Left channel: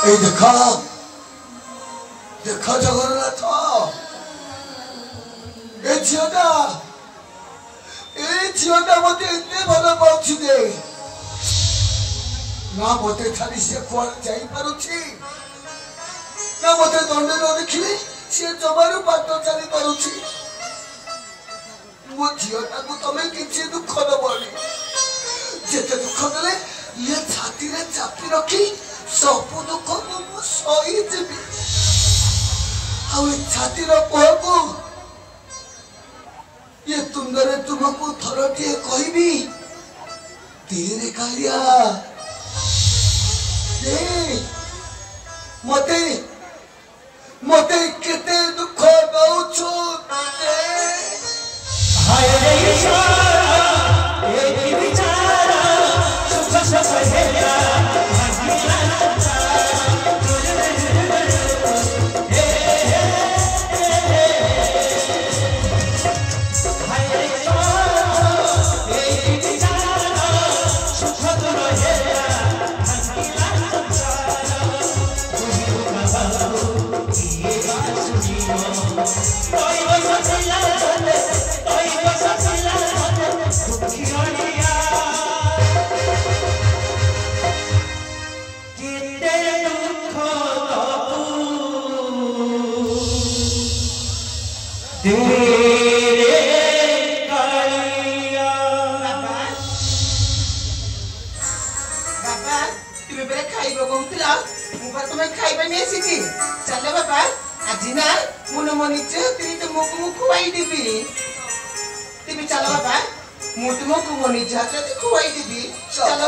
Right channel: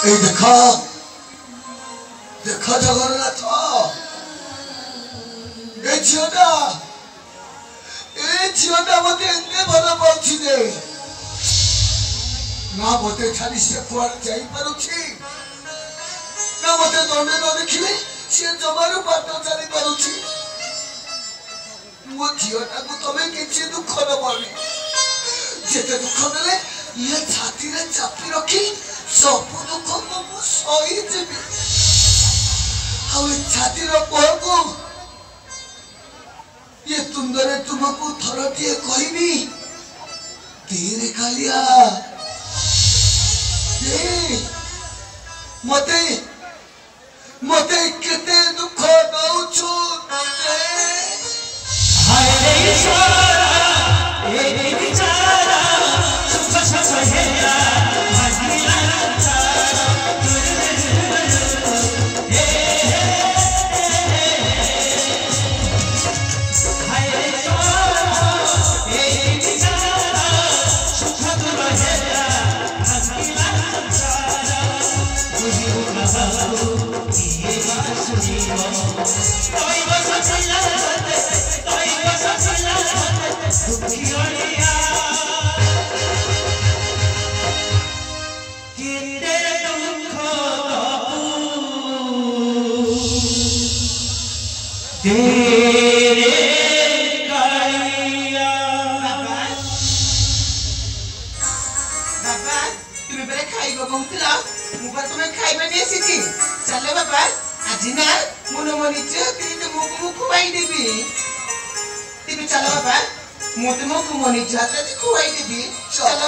এই দেখা দেখা জগন্নাথ এই ঝিওটা মতে এমনি ভাল পাচ্ছি যে না মতে ছাড়ি সে কুয়াড় যাই পারুছি না মতে দণ্ডে ন ଦେଖିଲେ সে জমাରୁ ବାଟ ଚାଲି ପାରୁଛି ମୋ ଝିଅଟାକୁ ତମେ କିଛି ଦୁଃଖ ଦବନି ଯେତେ ଦୁଃଖ ଦେଲେ ଇଏ ଛାତିରେ ଚାପି ରଖି ସବୁ ଦୁଃଖ ମୁଁ ସହିଯିବି ଆଉ ଏ ଛାତିର କୋହକୁ ये तुंदरे तुमको थरटिए कहबी तेरे कालिया मते मते केते दुख दउछु हाय रे ईश्वरा ए विचारा सुख सहेरा मोटे मो को मोनी जाते खुआई देबी चल